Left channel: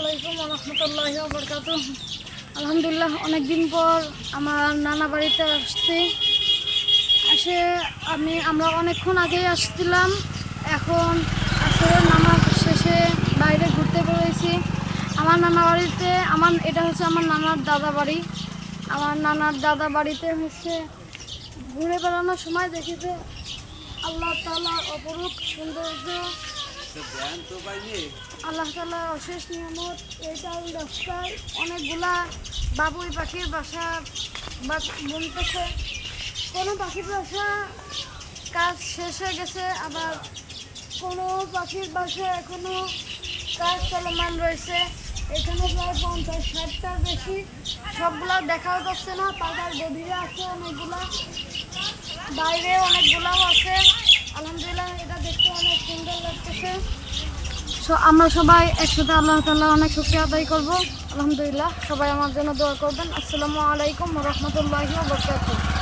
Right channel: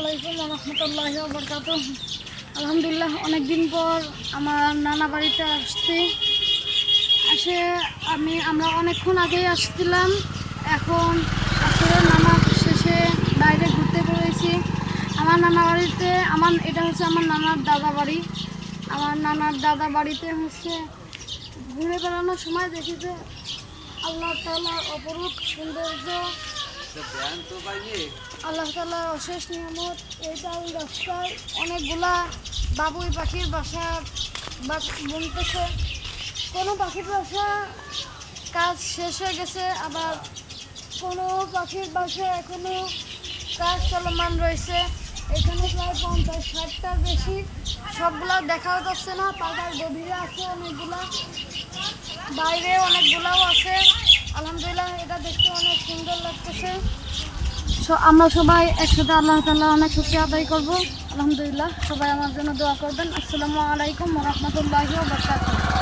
আলাইকুম ওয়া রাহমাতুল্লাহি ওয়া বারাকাতুহু। আলহামদুলিল্লাহ, অনেকদিন পর আমার নানা বাড়িতে আসছি। আমরা অনেকক্ষণ আগেই আসছিলাম। এখন আসলে নামাজ শেষে বাইরে ঘুরতে বেরিয়েছি। আমার নানা বাড়িতে এটা হচ্ছে আমার নানার দাদা বাড়ি। আমার নানার দাদা বাড়িতে ঘুরে বেড়ানোর সময় দেখি যে আল্লাহ তাআলার অপরূপ সৌন্দর্য, আল্লাহ তাআলার অশেষ নিয়ামত। এইটাই রাস্তায় অনেকগুলা বাবুই পাখির বাসা বুনতেছে। কোনো পাখির বাসা কাজ শেষ হয়ে গেছে, আবার কোনো পাখির বাসা এখনো কাজ চলমান রয়েছে। এখানে প্রায় 50-60টার বেশি, সবগুলা দেখাও যাচ্ছে না। তাদের গভীরে আছে অনেকগুলা, বাইরে অনেকগুলাও আছে। আলহামদুলিল্লাহ, এটা দেখতে অনেক সুন্দর লাগতেছে। আমরা সবাই একসাথে আল্লাহ তাআলা অনেক শুকরিয়া আদায় করব। আলহামদুলিল্লাহ, সবাই আমার জন্য দোয়া করবেন। আসসালামু আলাইকুম ওয়া রাহমাতুল্লাহি ওয়া বারাকাতুহু।